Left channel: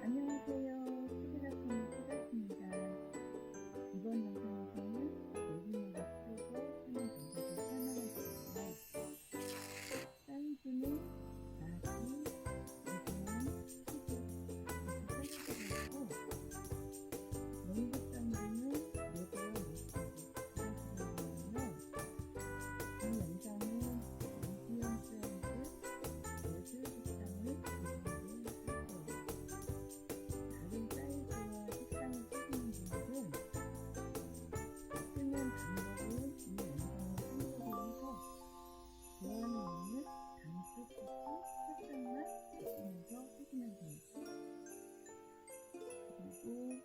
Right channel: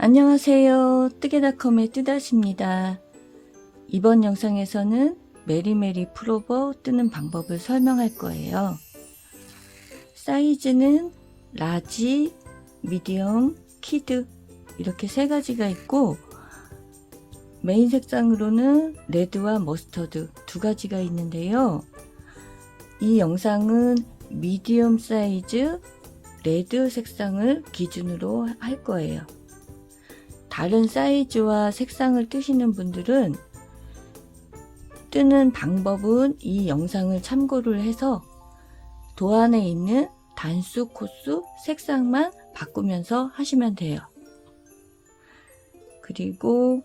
안녕하세요. 뜨개닷컴의 뜨다시입니다. 이번 영상에서는 메리메리 풀오버 뜨는 방법을 설명할 거예요. 사이즈는 라지, 미디엄, 키드 이렇게 세 가지가 있고 메인 색상으로는 레드와 머스터드 두 가지가 있는데요. 이 영상은 미디엄 사이즈 레드 색상을 기준으로 할 거예요. 다른 사이즈와 색상을 뜨시는 분들은 뜨는 방법은 이 영상을 참고를 해서 도안에 있는 단수, 코수, 색상만 바꾸면서 하시면 돼요. 그리고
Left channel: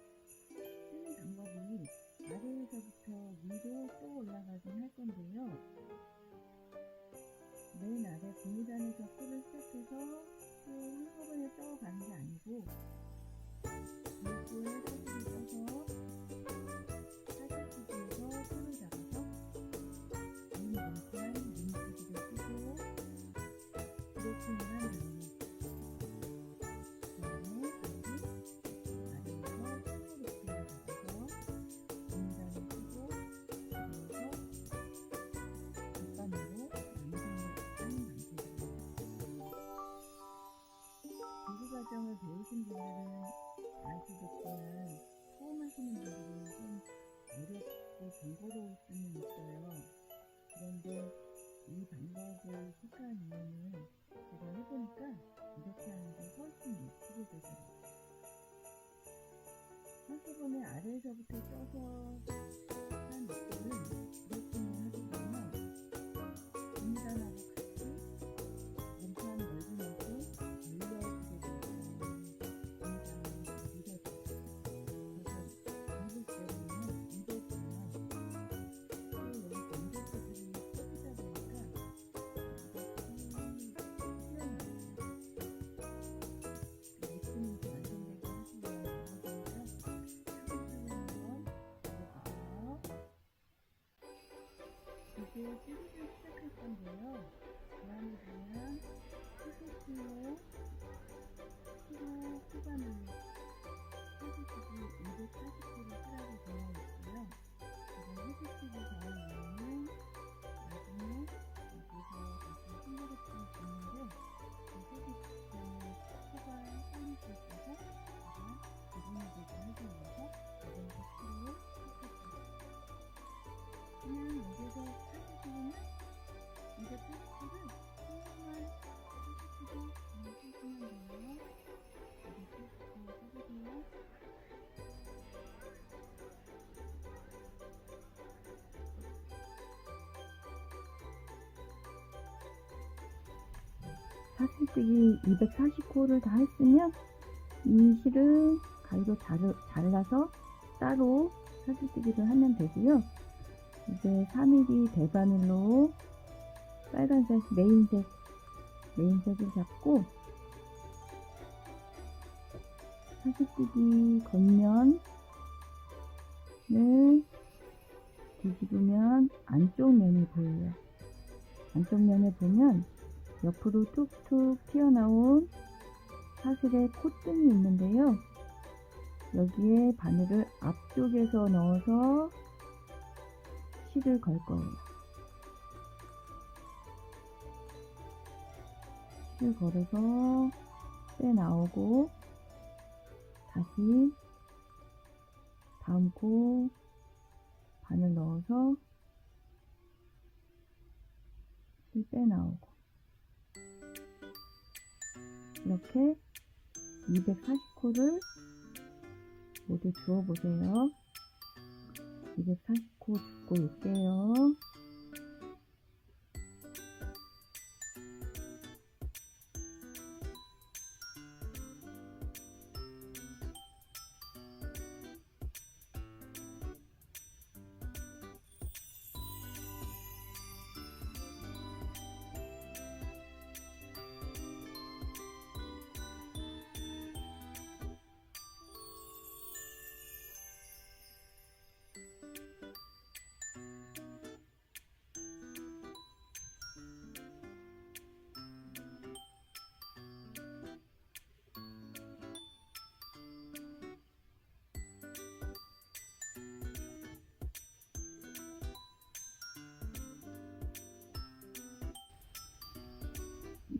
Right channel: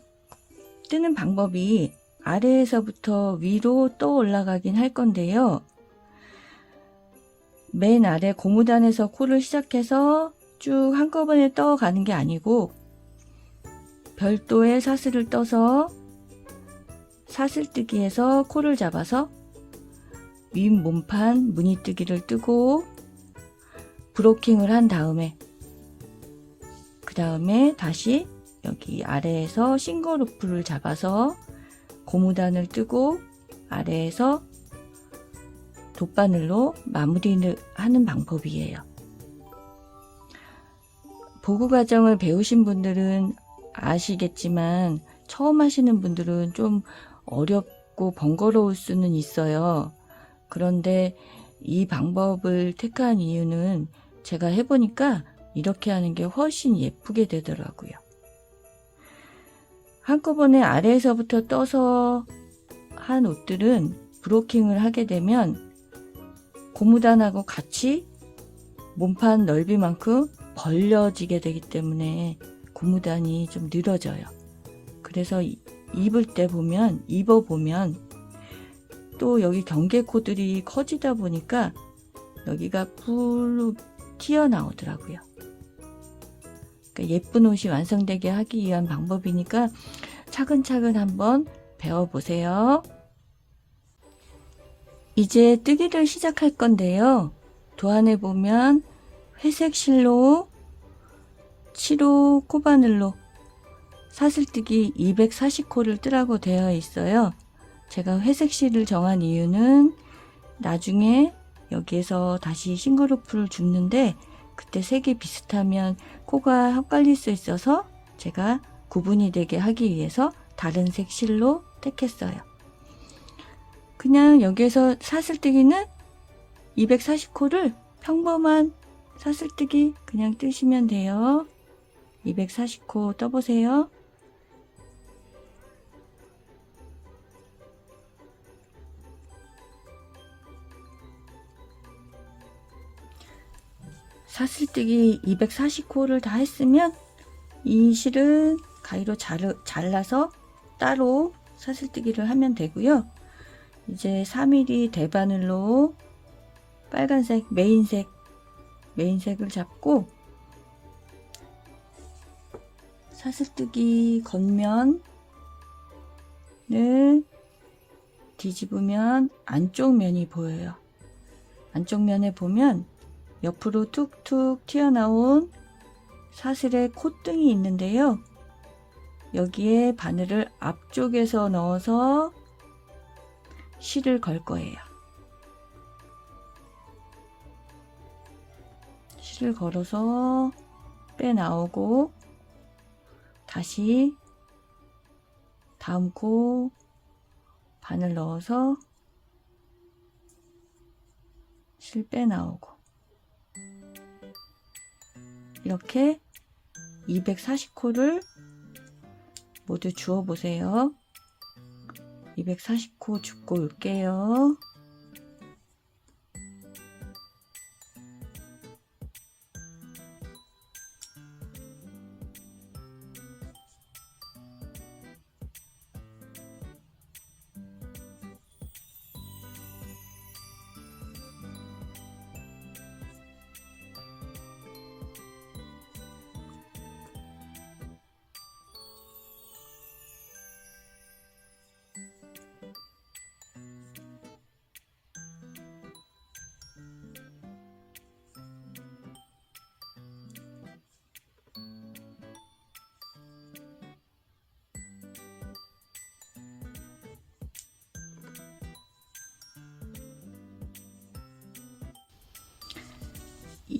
뜨는 방법이 아래에서부터 위로 떠 올라가긴 할 건데요. 맨 아래 고무단에서 코를 시작해서 쭉 한꺼번에 떠 가는 게 아니고 별도의 사슬을 떠서 사슬뜨기에서 코를 잡아서 윗 몸판 무늬뜨기를 뜨고 브로킹을 한 다음에 그 다음에 다시 여기 아래에서 싱글루프를 잡아서 고무단을 뜨고 아래에서 돗바늘로 마무리를 하는 방법이에요. 보구 과정을 배우신 분들은 아시겠지만 처음 하시는 분들은 좀 어렵고 번거로울 수는 있어요. 그런데 이 방법을 택한 이유는 제가 해보니까 이렇게 하는 게 훨씬 예쁘게 되더라고요. 한꺼번에 아래에서부터 떠서 한 옷들은 브로킹을 하게 되면 고무단하고 같이 몸판 넓이만큼 벌려지게 되기 때문에 고무단이 좀 늘어져요. 그래서 입어보면 또 여기 경계코들이 커지다 보니까 여기가 풀로 튀어나오더라고요. 그러니까 예쁜 옷이 완성되게 하기 위한 방법이니까 차근차근 한번 배워보세요. 이제 뜨기를 시작할 건데요. 도안에 보면 회색 실로 7호 코바늘로 사슬뜨기 240코를 뜨라고 되어 있어요. 제가 회색 실을 정한 이유는 나중에 여기에서 다시 싱글루프를 줍는데 그때 색이 비슷하면 코가 헷갈릴 수 있어서 제가 구분이 되게 하기 위해서 다른 색 실로 택했어요. 그냥 여기에서 사슬뜨기는 240코를 평범한 사슬뜨기 그냥 뜨시면 돼요. 240코 떠보세요. 사슬뜨기 240코를 다 했으면 이 실은 가위로 잘라서 따로 사슬뜨기를 하면 되고요. 이제 3mm 대바늘로 빨간색 메인색을 잡고 사슬뜨기 겉면을 뒤집으면 안쪽 면이 보여요. 안쪽 면에 보면 옆으로 툭툭 튀어나온 사슬의 콧등이 있는데요. 여기에 바늘을 앞쪽에서 넣어서 실을 걸 거예요. 실을 걸어서 빼나오고 다시 다음 코 바늘 넣어서 실 빼나오고 이렇게 240코를 모두 주워 보세요. 240코 줍고 올게요.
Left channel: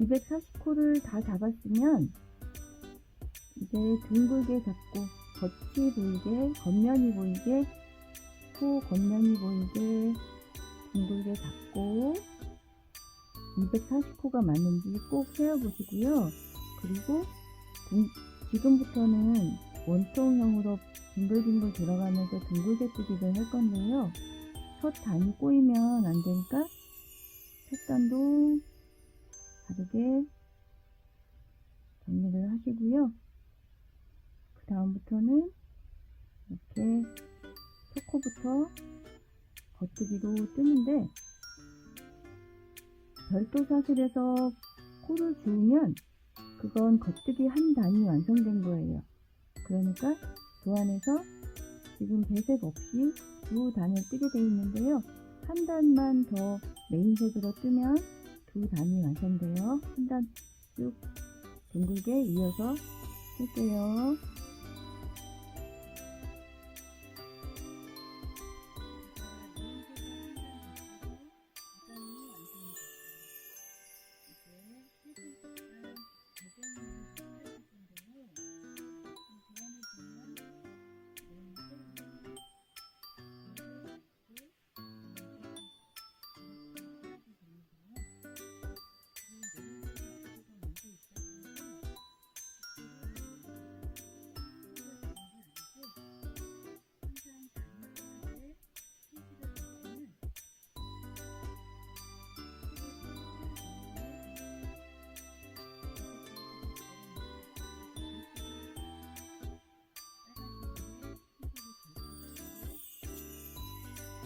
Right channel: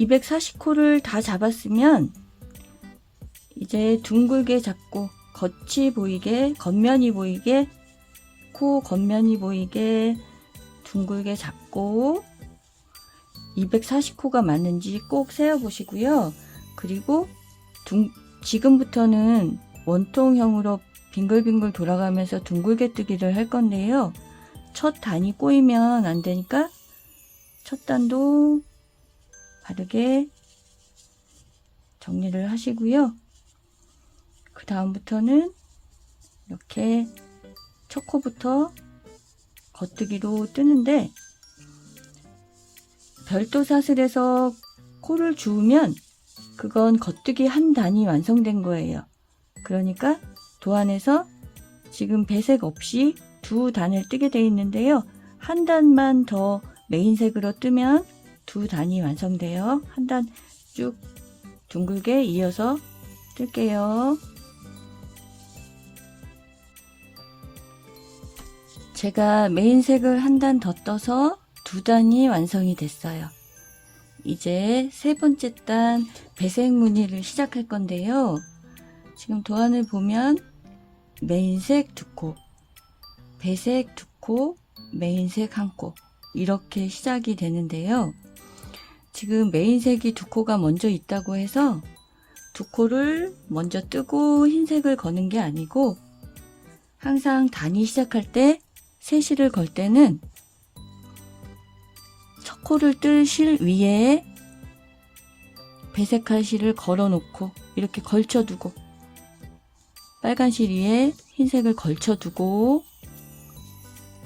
240코를 다 잡았으면 이제 둥글게 잡고 겉이 보이게, 겉면이 보이게, 코 겉면이 보이게 둥글게 잡고 240코가 맞는지 꼭 세어 보시고요. 그리고 지금부터는 원통형으로 빙글빙글 돌아가면서 둥글게 뜨기를 할 건데요. 첫 단이 꼬이면 안 되니까 첫 단도 바르게 정리를 하시고요. 그 다음부터는 이렇게 첫 코부터 겉뜨기로 뜨는데, 별도 사슬에서 코를 주우면 그건 겉뜨기 한 단이 완성된 거예요. 그러니까 도안에서 지금 배색 없이 두 단을 뜨게 되어 있는데요. 한 단만 더 메인색으로 뜨면 두 단이 완성돼요. 한 단 쭉 둥글게 이어서 뜰게요. 제가 메인색을 한 단 더 떠서 두 단이 완성이 됐어요. 이제 세 번째 단 배색 무늬를 시작할 건데요. 지금 도안을 보면 메인색 두 코, 배색 두 코, 메인색 한 코, 이렇게 시작이 되는데요. 지금 메인색이 두 코가 먼저 있다고 해서 두 코를 먼저 뜨고 흰색을 거는 게 아니고, 항상 단이 시작할 때 세실을 걸 때는 첫 코를 뜰 실 위에 배색할 실을 걸어 놓고 이렇게 걸쳐 두고, 빨간 실 위에 흰색을 걸쳐 두고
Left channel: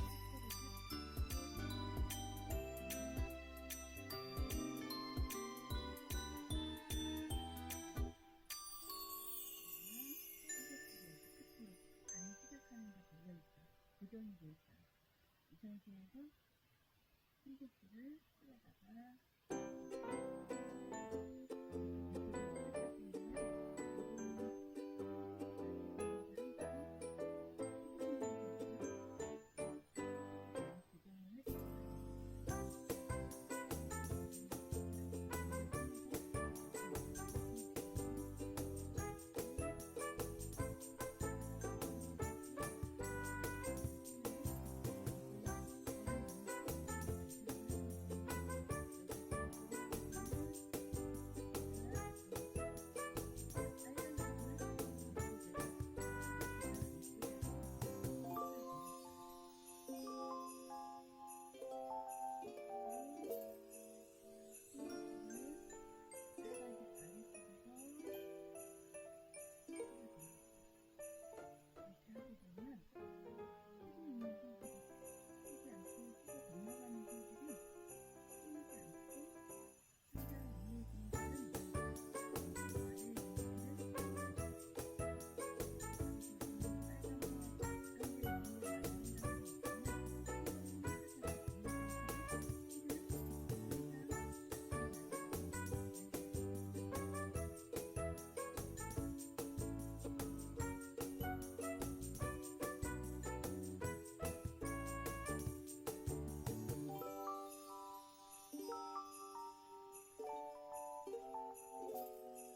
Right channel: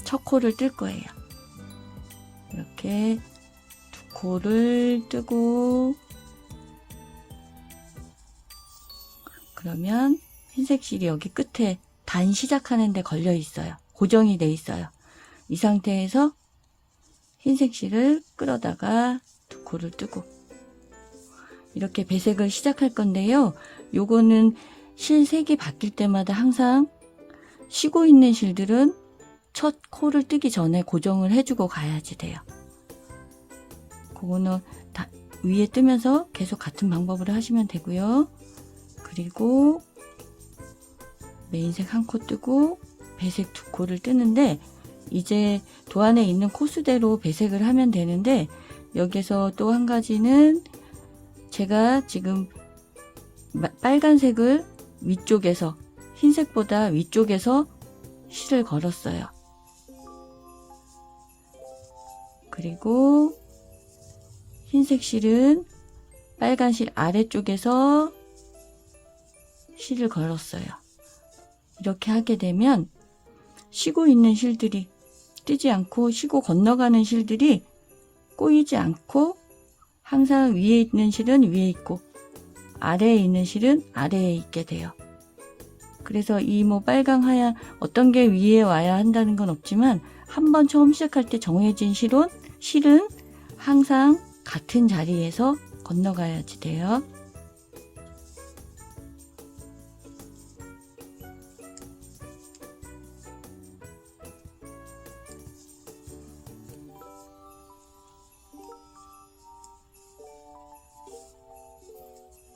첫 코를 뜰 거예요. 이렇게 두 코를 뜨고, 그러면 흰색 실이 여기 끝에 단 시작하는 데 걸려 있어요. 고정이 돼 있어요. 이 상태에서 흰색 실을 끌어다가 두 코를 뜨고 이렇게 배색을 시작할 건데요. 요거는 실 색이 바뀔 때마다 항상 쉬고 있는 실들은 첫 코를 뜨기 전에 고정을 해주고 가야지 돼요. 그거는 다 위에 뜨면서 계속 같은 방법으로 하시면 되고요. 그리고 메인색 한 코 뜨고 배색 두 코를 뜨는데, 이제 도안에 있는 코수대로 배색을 하면 되는데, 여기서 또 한 가지는 제가 지금 빨간색을 위쪽에서, 흰색보다 위쪽에서 실을 걸었어요. 그리고 흰색 실은 빨간 실 아래쪽에서 실을 걸었어요. 이렇게 하게 되면 쉬고 있는 실들이 뜨지 않고, 쉬고 건너가는 실들이 꼬이지 않고, 항상 위에 있는 실은 위에 있고 아래에 있는 실은 아래에 있게 돼요. 그래서 이 뭐 빨강 하얀 어떤 게 위에 와야 한다는 건 없지만, 한번 처음 시작할 때 정해진 실은 항상 같은 자리에서 건너가야지 돼요.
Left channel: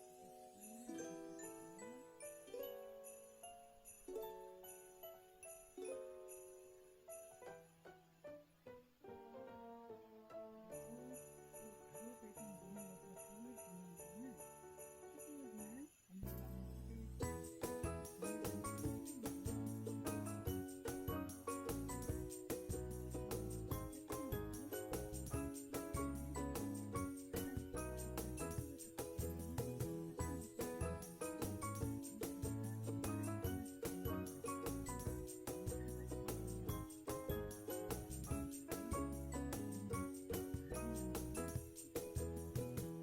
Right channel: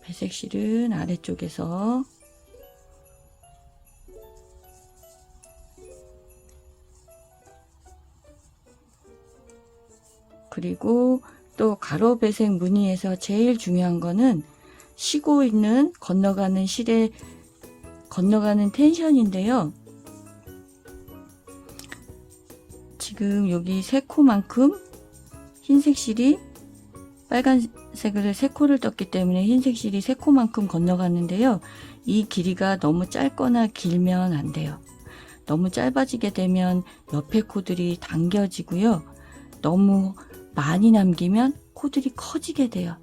배색 실은 아래쪽에서, 그리고 또 가로 배색 무늬에서 제일 중요한 거는 쉬고 있는 건너가는 실에 건너가는 텐션인데요. 지금 여기 세 코만큼 흰색 실이 빨간색을 세 코를 떴기 때문에 흰색 실이 세 코만큼 건너가는데요. 이 길이가 너무 짧거나 길면 안 돼요. 너무 짧아지게 되면 옆에 코들이 당겨지고요. 너무 많이 남기면 코들이 커지게 돼요.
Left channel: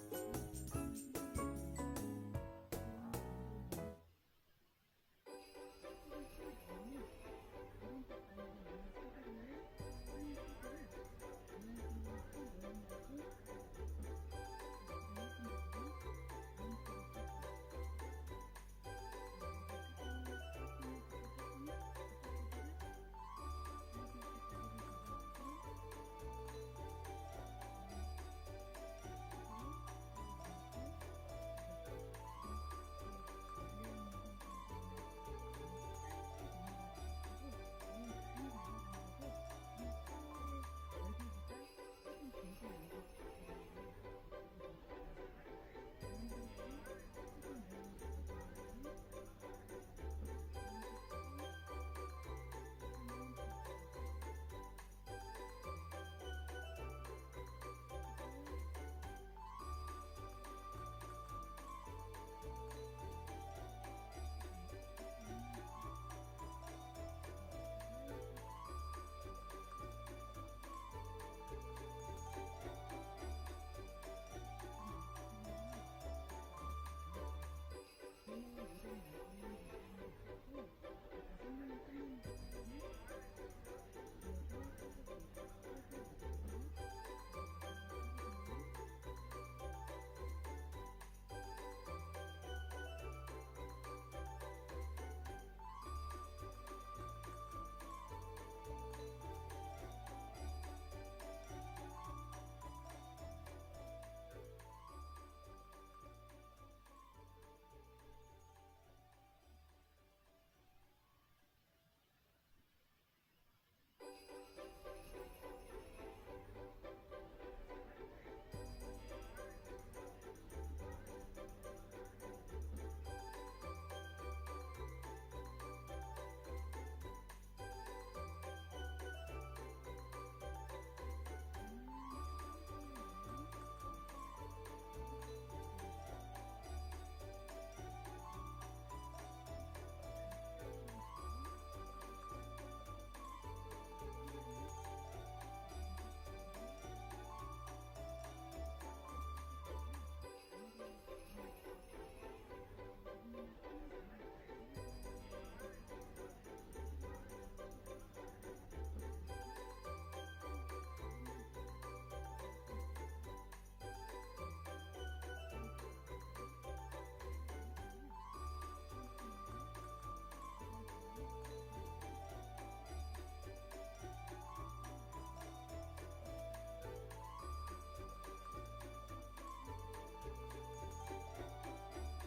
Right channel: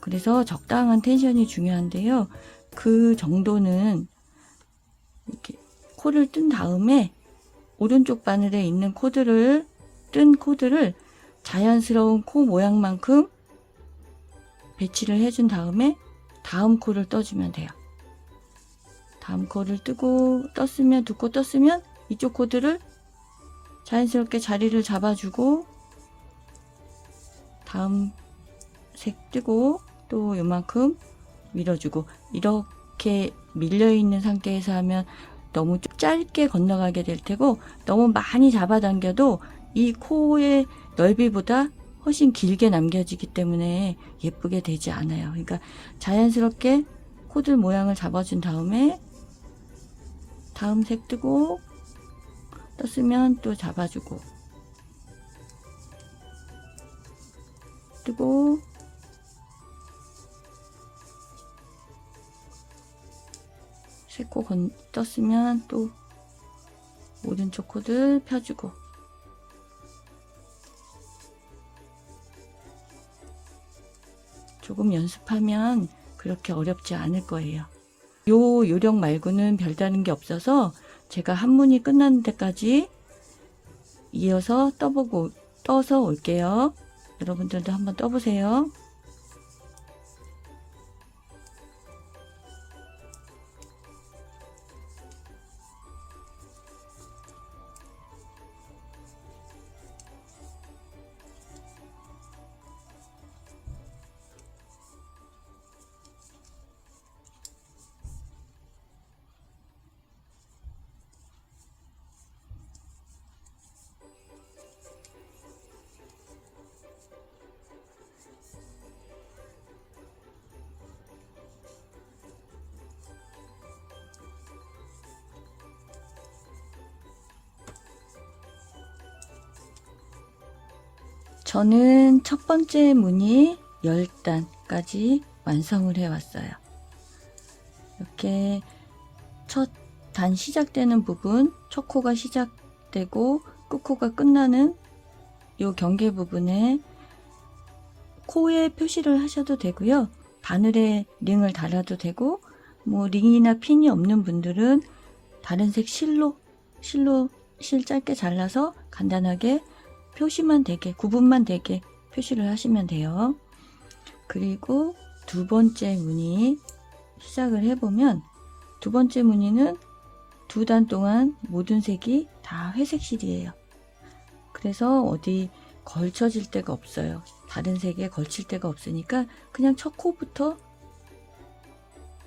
그래서 적당한 텐션이 중요한데요. 그 정도는 이렇게 코를 뜬 다음에 오른쪽 바늘에 있는 뜬 코들을 자연스러운 코 모양만큼 배치를 해준 다음에 다음 코를 떠주면 돼요. 다음 코를 뜨고 떴으면, 두 코 떴으면 이쪽 코들을 자연스럽게 자리를 잡아주고 다음 색 뜨고 또 요만큼 밀어주고, 이렇게 밀려있는 상태에서 하면 너무 짧게 건너가게 될 테고, 너무 많이 잡아당겨도 이 코의 넓이보다 훨씬 길게 남겨지기 때문에 예쁘게 되지 않아요. 그러니까 자연스럽게 코들 모양을 잡아준 다음에 다음 색 뜨고, 떴으면 또 잡아주고, 뜨고, 새코 떴으면 또 오른쪽 코들 펴주고, 조금 연습하면 그렇게 어렵지 않을 거예요. 요 요령 말고는 별다른 게 없어서 제가 한 문이 끝나는 데까지 이어서 떠서 올게요. 여러분들도 한번 떠보세요. 저는 첫 번째 무늬 10단까지 완성을 해 왔어요. 이렇게 첫 단 시작되는 부분, 첫 코가 시작되고 끝코가 끝나는 요 경계 부분에 코에 표시를 하셔도 되고요. 바늘에 링을 달아도 되고, 뭐 링이나 핀이 없는 분들은 다른 색 실로 실 짧게 잘라서 간단하게 표시만 되게, 구분만 되게 표시를 하시면 돼요. 그리고 두 번째 무늬 시작을 해보면, 두 번째 무늬는 2단 동안 모든 색이 다 회색 실이에요. 그래서 어디 걸쳐질 데가 없어요. 다른 색에 걸칠 데가 없으니까 그냥 첫 코부터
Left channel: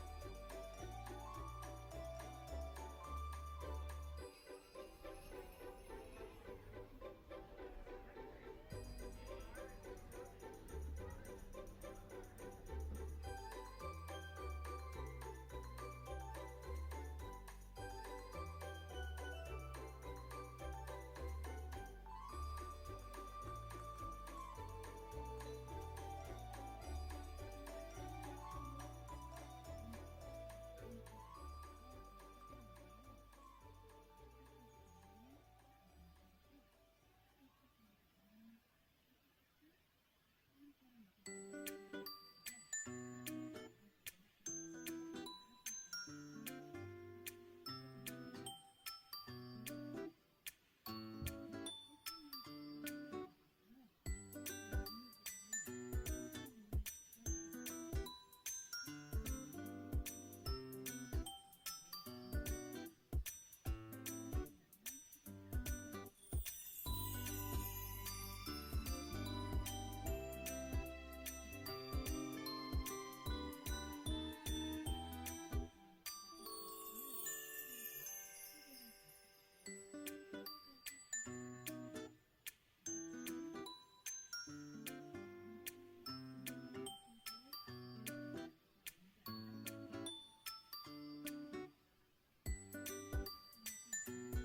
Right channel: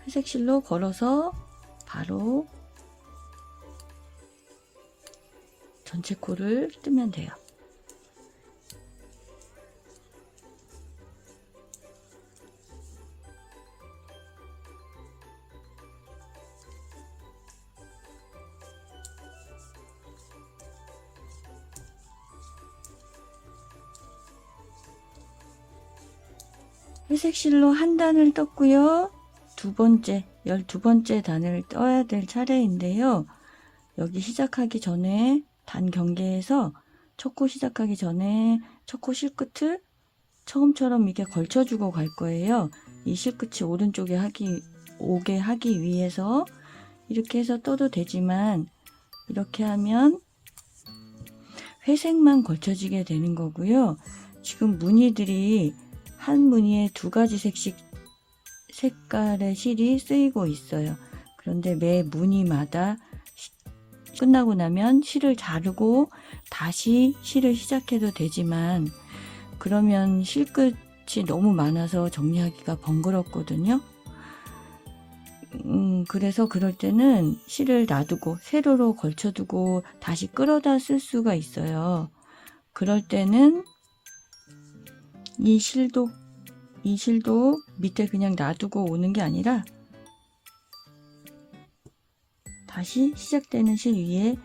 회색 실로 걸어서 바로 전체 코를 뜨면 돼요. 회색 실로 한 단을 떴고요. 12번째 단을 떠야 될 차례인데요. 여기 시작하기 전에 단 경계에서 첫 코 시작하기 전에 첫 코 실끝을 처음처럼 이렇게 걸쳐주고 갈 거예요. 이 실끝이 오른쪽에 오게 하기 위해서 이렇게 해서 떠도 되지만, 이렇게 하면 회색만 걸쳐지게 되는 거고요. 지금 무늬들이 한 무늬에 2가지 색깔의 실이 쓰이고 있어요. 그런데 매 무늬마다 끝나고 나면 실을 자르고 다시 실을 시작해도 되지만, 그러면 실끝이 너무 많아서 정리하기가 번거롭거든요. 그래서 그럴 때는 실을 놔두고 세로로 걸쳐두고 다시 끌어다 쓸 수가 있어요. 그럴 때는 이 실도 밑에 그냥 놔두고 오는 게 아니라 다시 시작되는 실 위에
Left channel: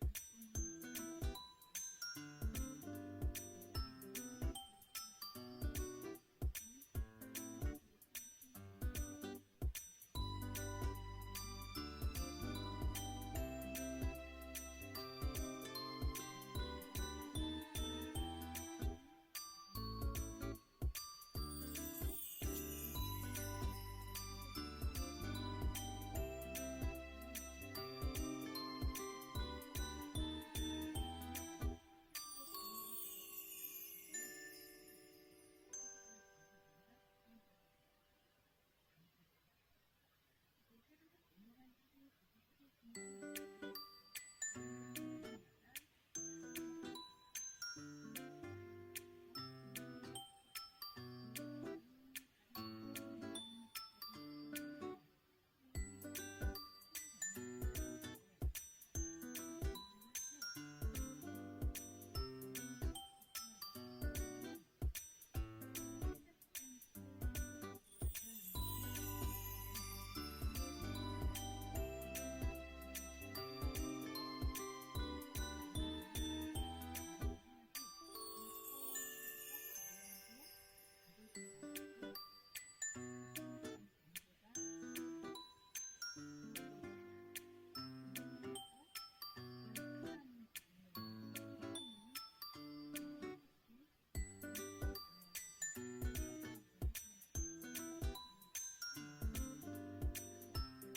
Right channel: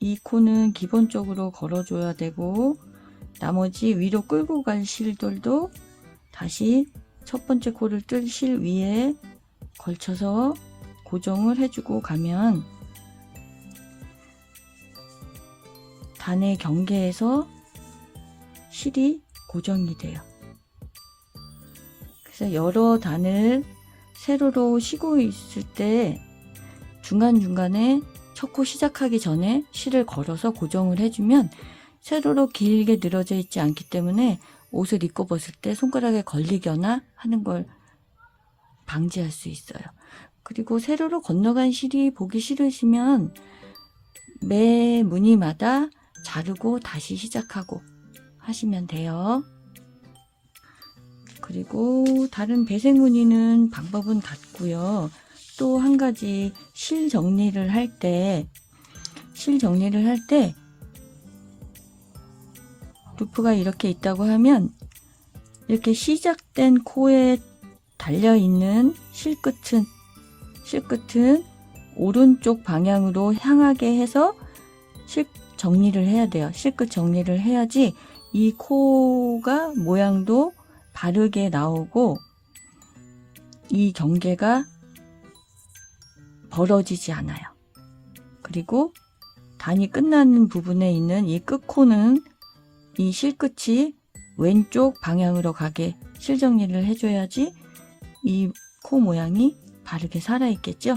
이 코는 기본적으로 걸어줘야 되고, 나머지 위로 끌고 갈 실들도 다시 첫 번째 코를 뜰 실 위에 걸쳐서 고정을 해주고 가면 단의 경계에서 실이 고정이 돼요. 그래서 여러 단을 세로로 쉬고 있을 때 중간중간에 첫 코 시작하기 전에 실을 걸어서 고정을 해주면 세로로 길게 늘어져 있지 않기 때문에 옷을 입고 벗을 때 손가락에 걸리거나 하는 걸 방지할 수 있어요. 그리고 세로로 건너간 실이 보기 싫으시면 매 무늬마다 자르고 다시 시작하고 하시면 돼요. 그리고 다른 배색 무늬는 방법은 같고요. 또 한 가지 실 정리를 할 때 루프가 이렇게 있다고 하면 이렇게 시작된 코에 달려있는 실끝은 오른쪽 방향으로 향하게 해서 정리를 해야 돼요. 실끝 정리를 해야지 이 코가 모양도 바르게 나오고 이 경계가 벌어지지 않아요. 그리고 단이 끝나는 부분에 있는 이 끝코는 이 실끝이 왼쪽 방향으로 가게 실정리를 해줘야지 이 코 모양이 바르게 살아있겠죠.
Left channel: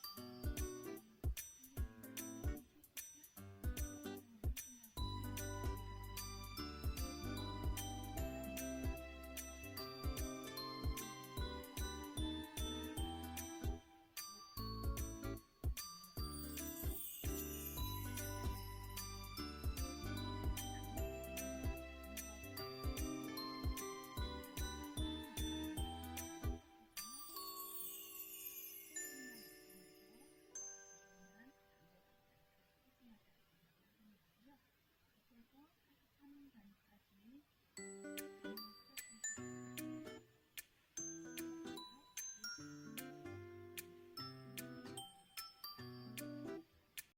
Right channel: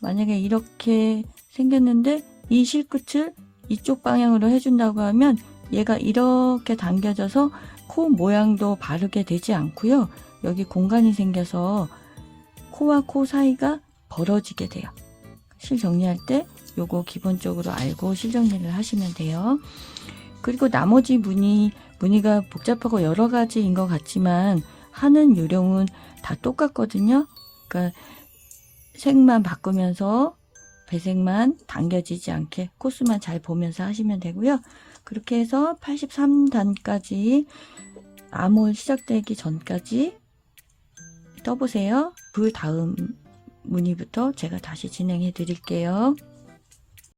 만약에 이렇게 생겼는데 이 실끝을 이쪽 방향으로 해준다고 하면 얘가 이렇게 당겨져서 코 모양도 바르게 되지 않고요. 여기 공간이 생겨서 코와 코 사이가 벌어지게 돼요. 실 정리할 때 요거 기본적으로 알고 실 정리를 하시면 돼요. 그리고 나머지 무늬가 복잡하고 여러 가지인 것 같지만 하는 요령은 다 똑같거든요. 그러니까 색만 바꾸면서 배색만 당겨지지 않게 코스만 잘 보면서 하시면 되고요. 그렇게 해서 83단까지 아몰 시작되기 전까지 떠보세요. 그 다음 무늬부터 제가 다시 진행해 드릴게요.